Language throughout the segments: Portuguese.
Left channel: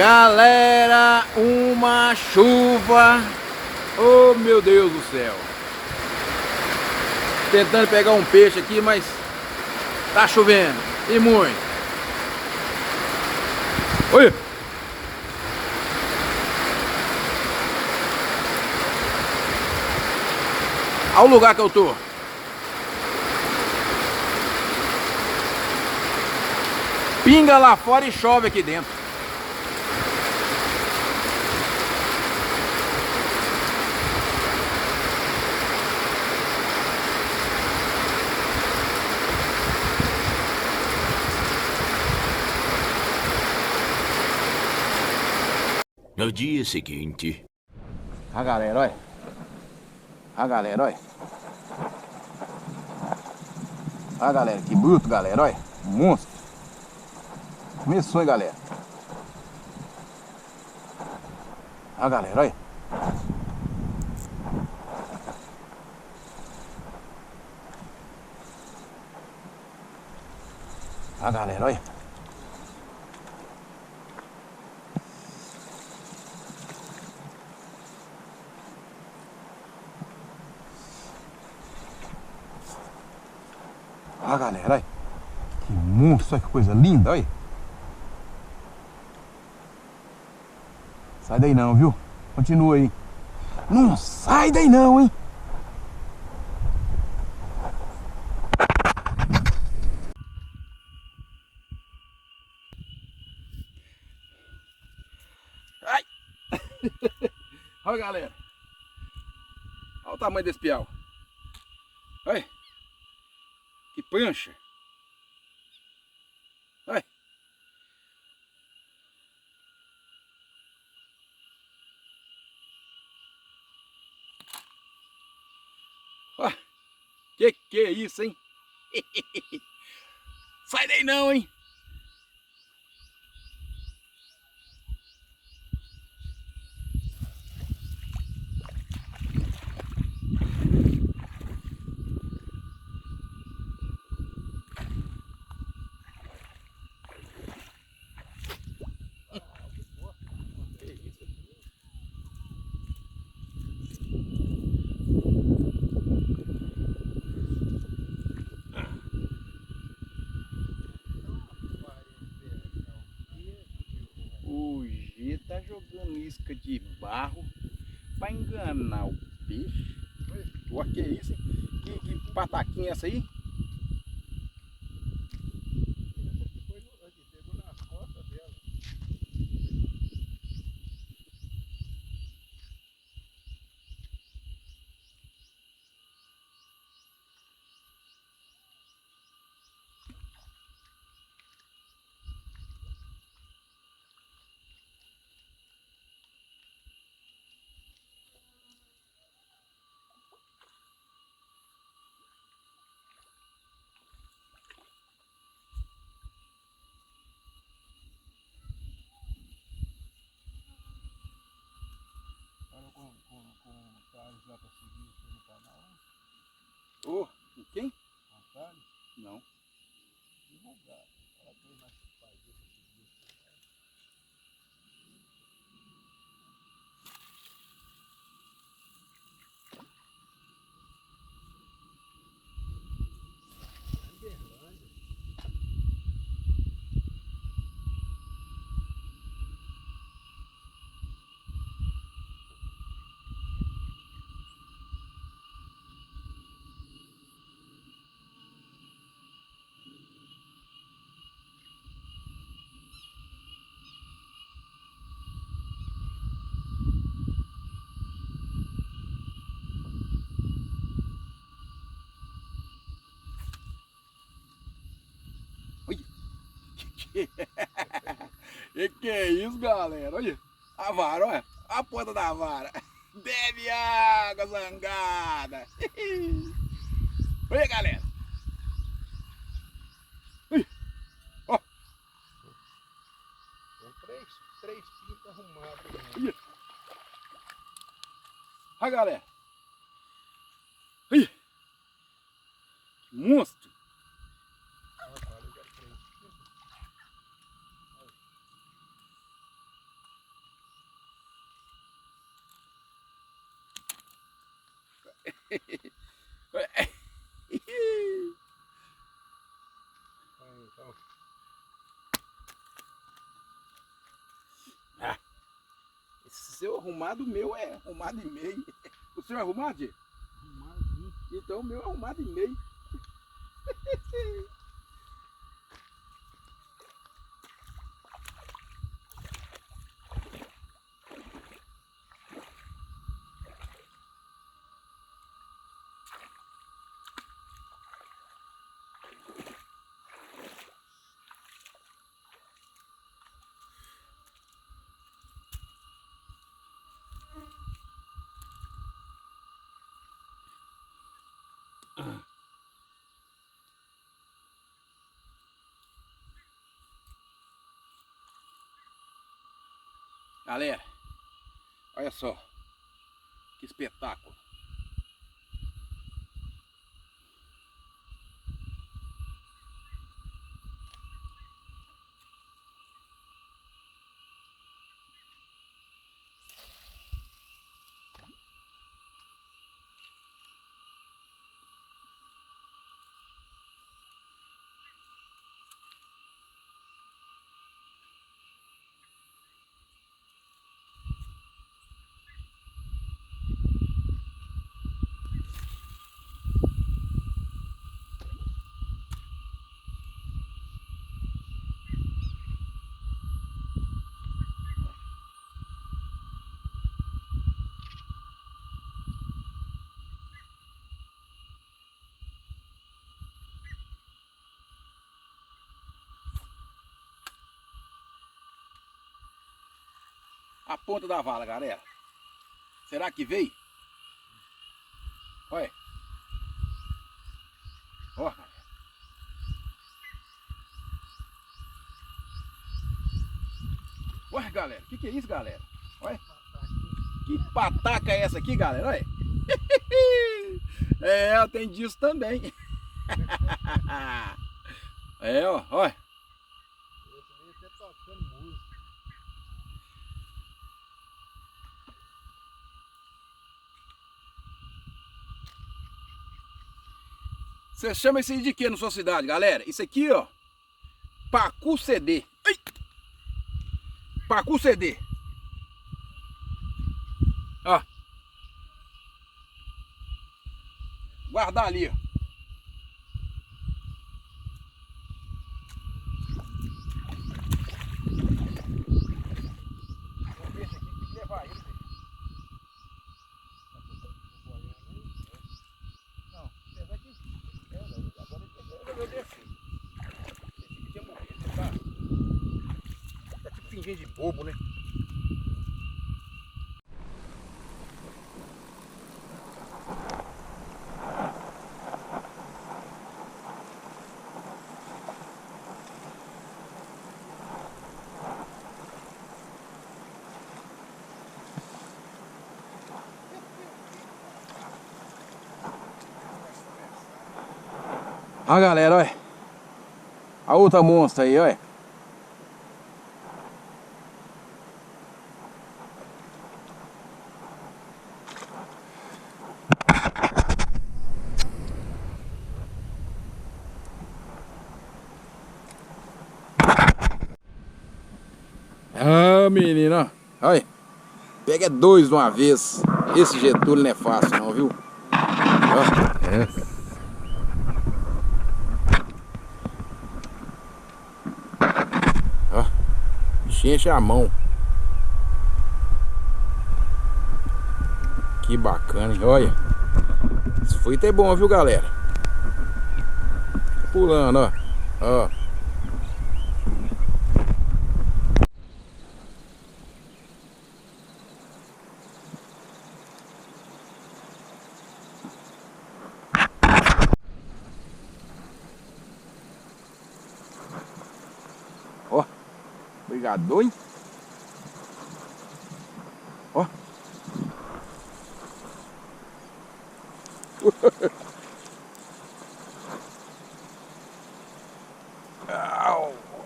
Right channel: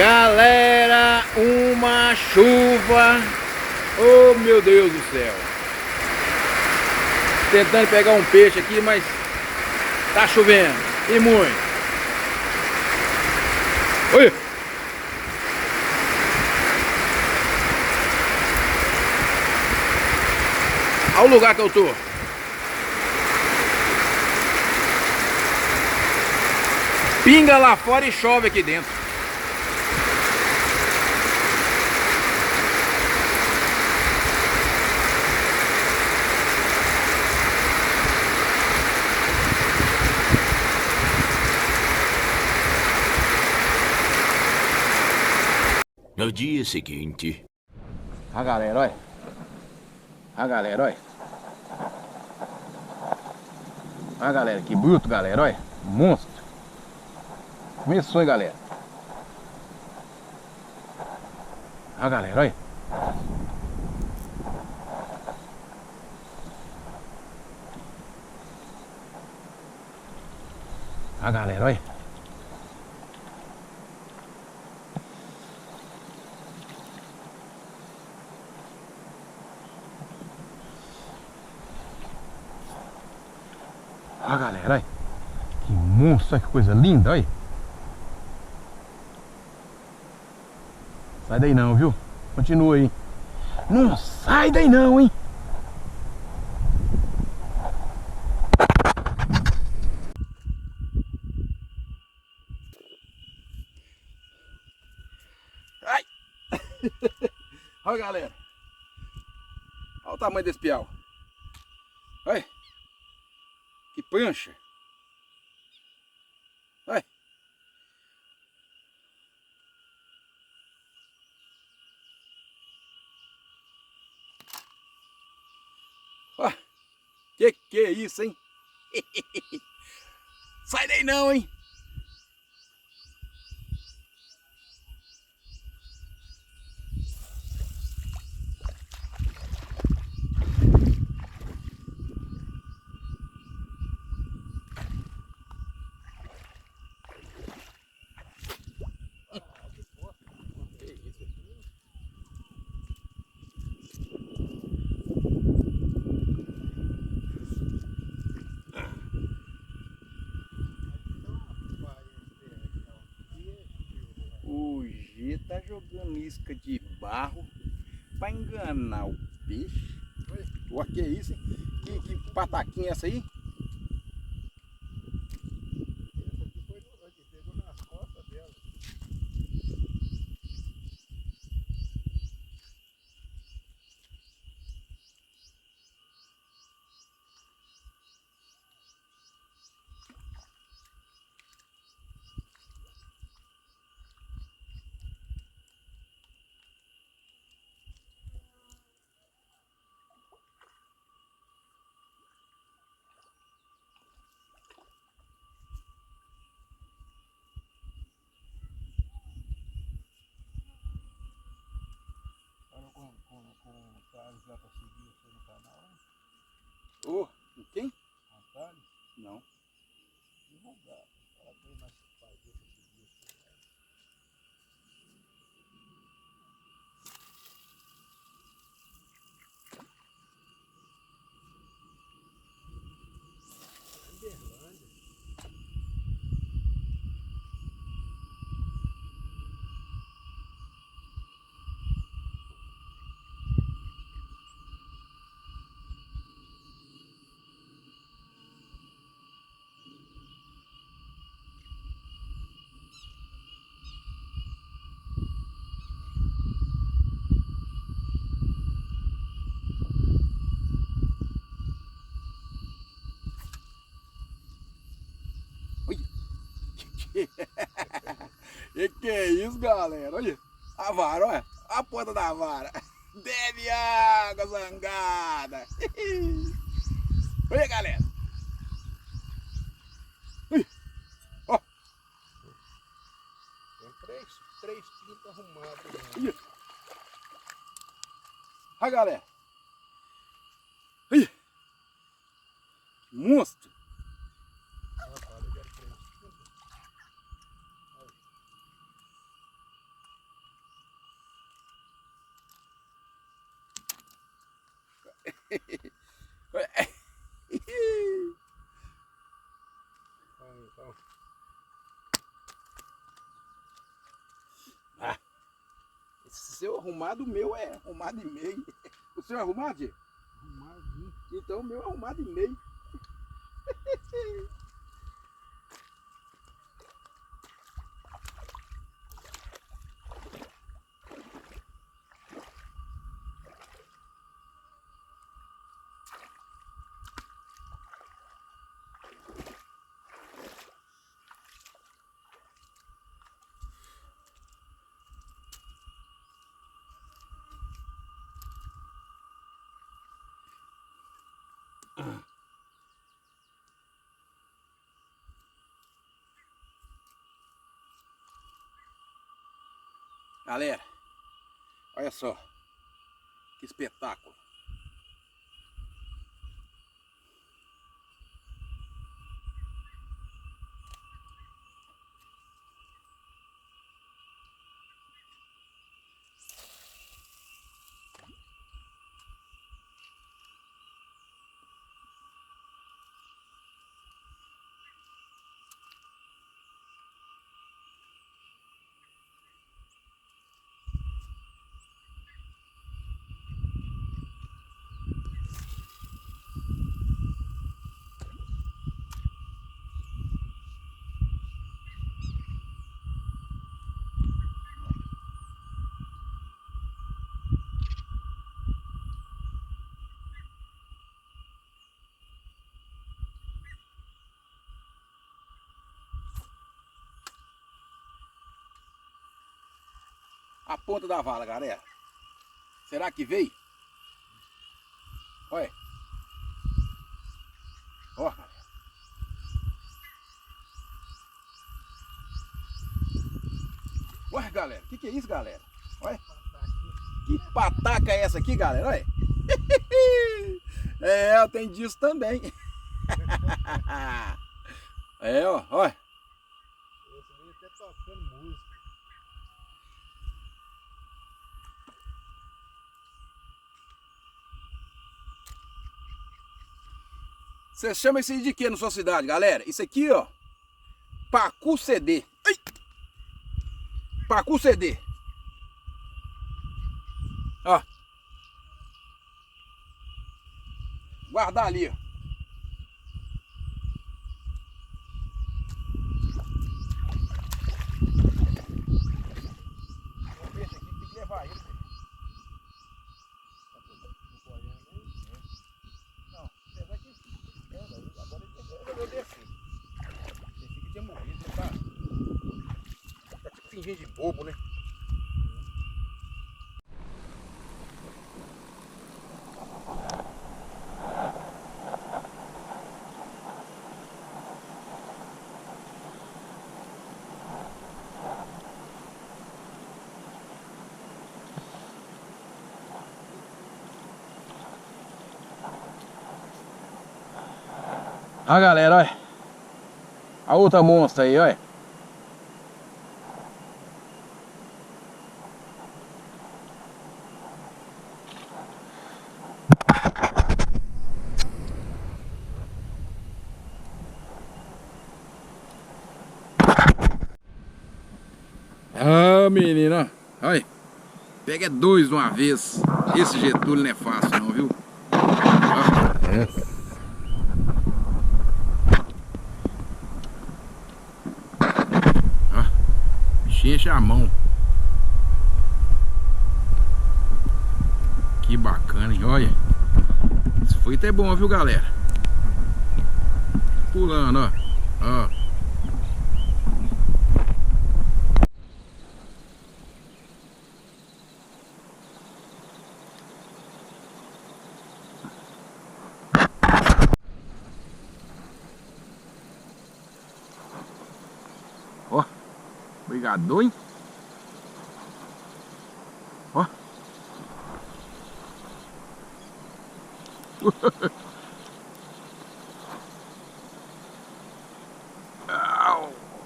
Galera, uma chuva. Oh, meu Deus do céu. Tentando pegar um peixe aqui, mas tá chovendo. E muito. Olha. Olha o lugar que eu tô. Pinga lá fora e chove aqui dentro. No dia seguinte... A galera, olha. A galera, olha. A galera, que bruto, galera, olha. Monstro. Começou, hein, galera. A galera, olha. A galera, olha. A galera, olha. Que monstro, olha que coisa linda, olha. Sai daí não, viu? Continua aí. Não sai daí não, hein? Ai! Olha, galera. Olha o tamanho desse piau. Olha. Que prancha. Olha. Ó. Que é isso, hein? Sai daí não, hein? O G tá jogando isca de barro pra enganar o peixe. O que é isso, hein? Que pataquinha é essa aí? Com o Thales lá pra seguir você no canal. Ô, quem? O Thales? Não. Divulgar. Ela tem mais que fazer pra seguir você. Que é isso, galera? Olha a vara, olha a ponta da vara. Bebe água, zangada. Olha, galera. Olha. Ó. Tem três pintas arrumadas. Olha. Olha, galera. Olha. Que monstro. Ah, esse seu arrumado, o meu é arrumado e meio. O seu é arrumado, Tio? Arrumadinho. Então o meu é arrumado e meio. Galera, olha só que espetáculo. A ponta da vala, galera. Será que veio? Olha. Ó, galera. Olha, galera. Que é isso, galera? Olha. Que pataca é essa aqui, galera? Olha. É, tem disso também. É, ó. Olha. Esse veio até tocando música. Você chama isso aí de quê na sua cidade, galera? Isso aqui, ó. Pacu CD. Ai! Pacu CD. Ó. Guardar ali, ó. O peixe aqui tem que levar ele. Não, apesar que... agora ele resolveu descer. Esse aqui tinha morrido, tá? Tá tipo fingindo de bobo, né? Ó, galera, olha. A outra monstra aí, olha. Ah, menino, ó. Olha. Pega dois de uma vez. Esse Getúlio não é fácil não, viu? Ó. É. Ó. Bichinho enche a mão. Que bacana, hein? Olha. Esse foi até bom, viu, galera? Pulando, ó. Ó. Ó, brigador, hein? Ó.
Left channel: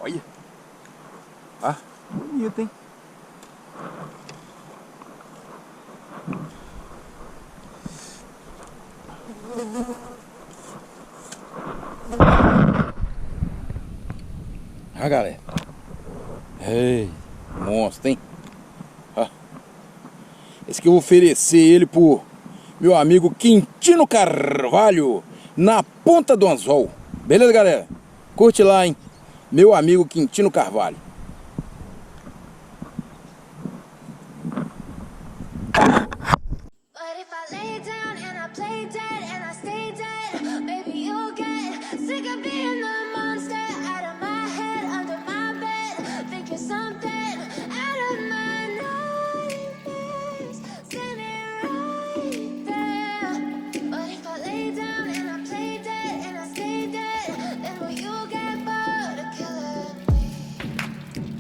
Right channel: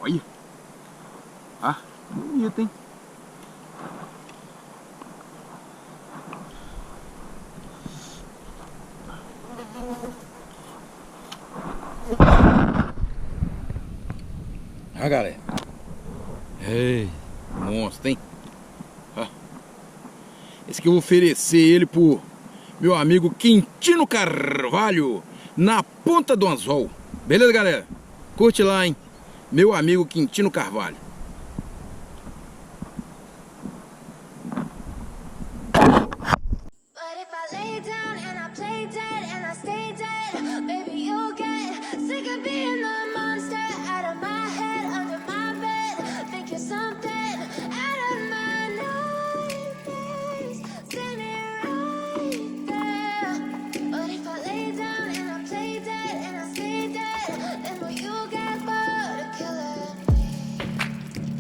Olha. Ah, bonito, hein? Ah, galera. Ei, monstro, hein? Ó. Esse que eu vou oferecer ele pro meu amigo Quintino Carvalho, na ponta do anzol. Beleza, galera? Curte lá, hein? Meu amigo Quintino Carvalho.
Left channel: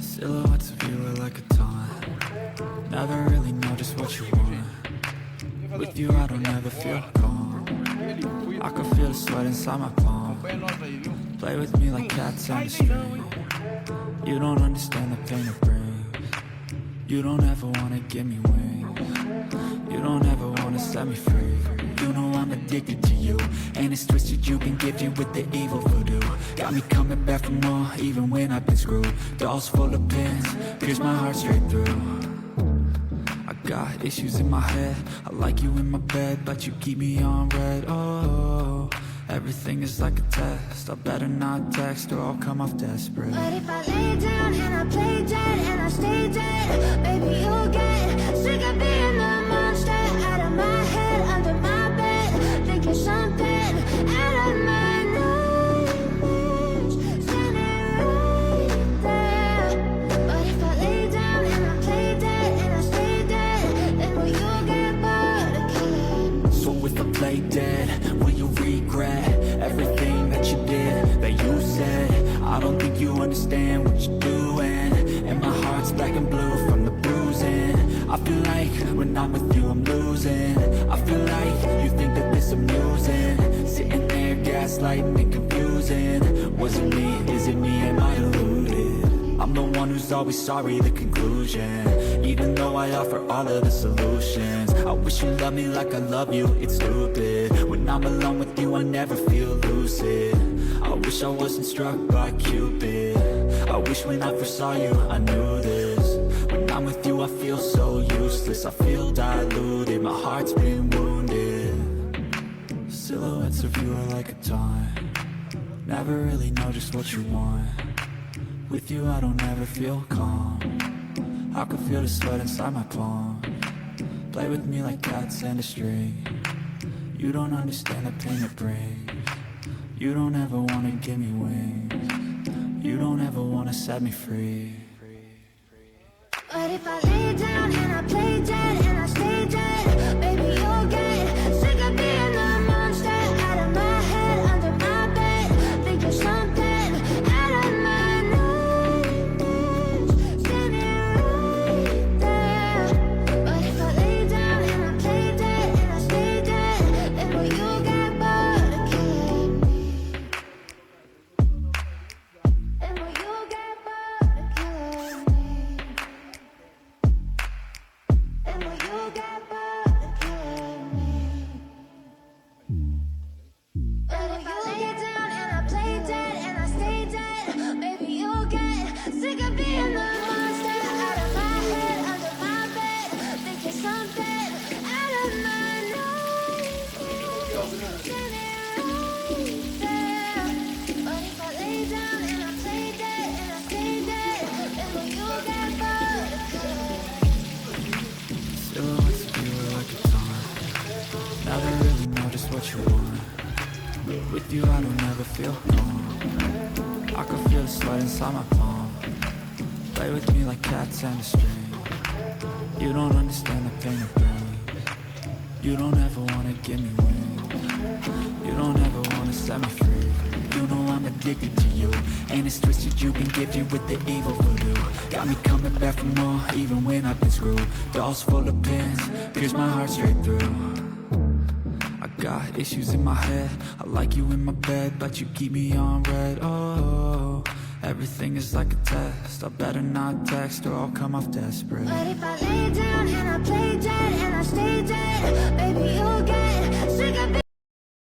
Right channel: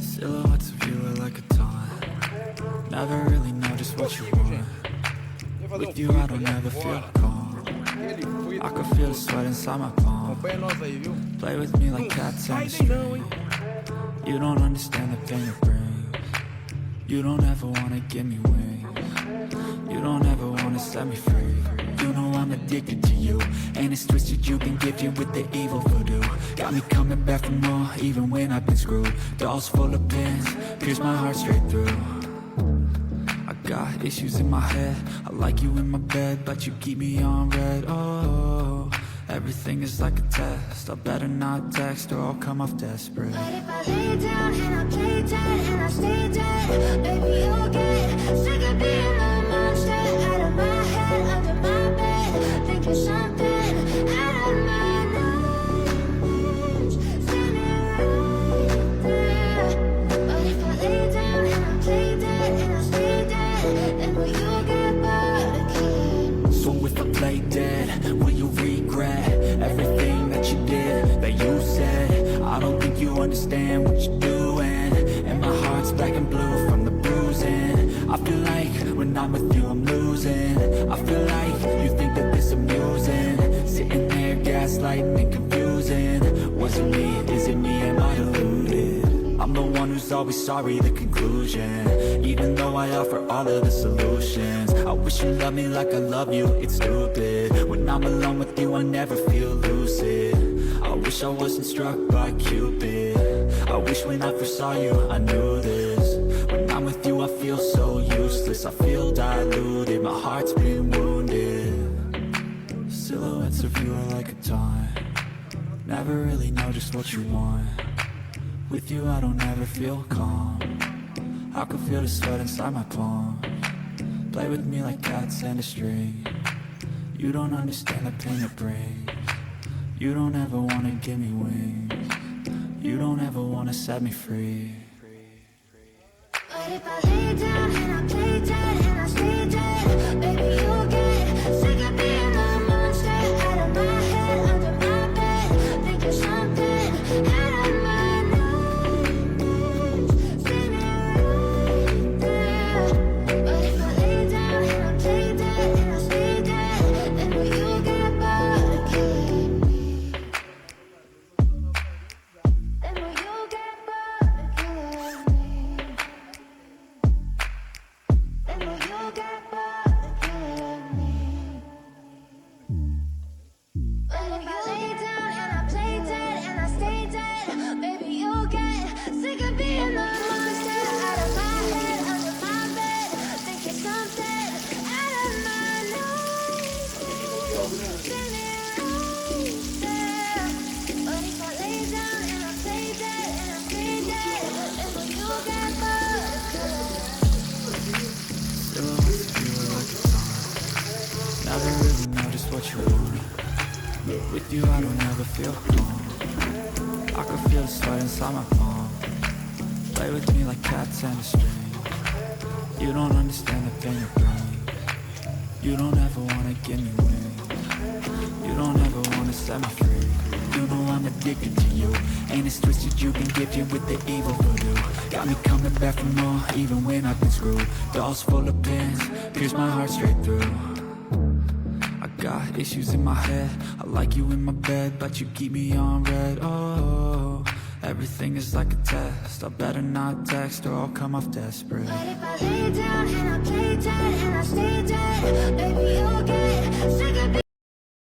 Silhouettes of you are like a taunt. Never really know just what you want. With you I don't ever feel calm. I can feel the sweat inside my palm. Play with me like cats and a string. You don't understand the pain it brings. You don't ever wanna give me wings. You don't ever wanna set me free. You know I'm addicted to you, and it's twisted, you've been gifted with the evil voodoo. Got me coming back for more, even when I've been screwed. Dolls full of pins, pierce my heart straight through. I got issues in my head, I like you in my bed, but you keep me on red. Oh, everything is like a test, I better not text or I'll come off desperate. But if I lay down and I play dead and I stay dead, baby you'll get sick of being the monster out of my head, under my bed, thinking something out of my nightmares, standing right there. But if I lay down and I play dead and I stay dead, then will you get bored of killing? So if I play dead, will you regret everything that you did, that you said? I don't think you understand what you're doing, and my heart's black and blue from the bruising. I feel like when I'm with you I'm losing. I feel like you think that this amusing, sitting there gaslighting and confusing. Was it me? Is it me? Am I deluded? I'm the one who's always sorry, the conclusion. Even though I offer all of the solutions, I wish you loved me like I love you, it's stupid. When I'm alone with you I never feel lucid. I wish I wasn't struck by Cupid. I wish when I first saw you I knew this. When I'm with you I feel so useless, I feel diluted, my heart's been wounded. Silhouettes of you are like a taunt. Never really know just what you want. With you I don't ever feel calm. I can feel the sweat inside my palm. Play with me like cats and a string. You don't understand the pain it brings. You don't ever wanna give me wings. You don't ever wanna set me free. But if I lay down and I play dead and I stay dead, baby you'll get sick of being the monster out of my head, under my bed, thinking something out of my nightmares, standing right there. But if I lay down and I play dead and I stay dead, then will you get bored of killing me? And will you get bored of killing me? And will you get bored of killing me? But if I lay down and I play dead and I stay dead, baby you'll get sick of being the monster out of my head, under my bed, thinking something out of my nightmares, but if I lay down and I play dead and I stay dead, then will you get bored of killing me? Silhouettes of you are like a taunt. Never really know just what you want. With you I don't ever feel calm. I can feel the sweat inside my palm. Play with me like cats and a string. You don't understand the pain it brings. You don't ever wanna give me wings. You don't ever wanna set me free. You know I'm addicted to you, and it's twisted, you've been gifted with the evil voodoo. Got me coming back for more, even when I've been screwed. Dolls full of pins, pierce my heart straight through. I got issues in my head, I like you in my bed, but you keep me on red. Oh, everything is like a test, I better not text or I'll come off desperate. But if I lay down and I play dead and I stay dead,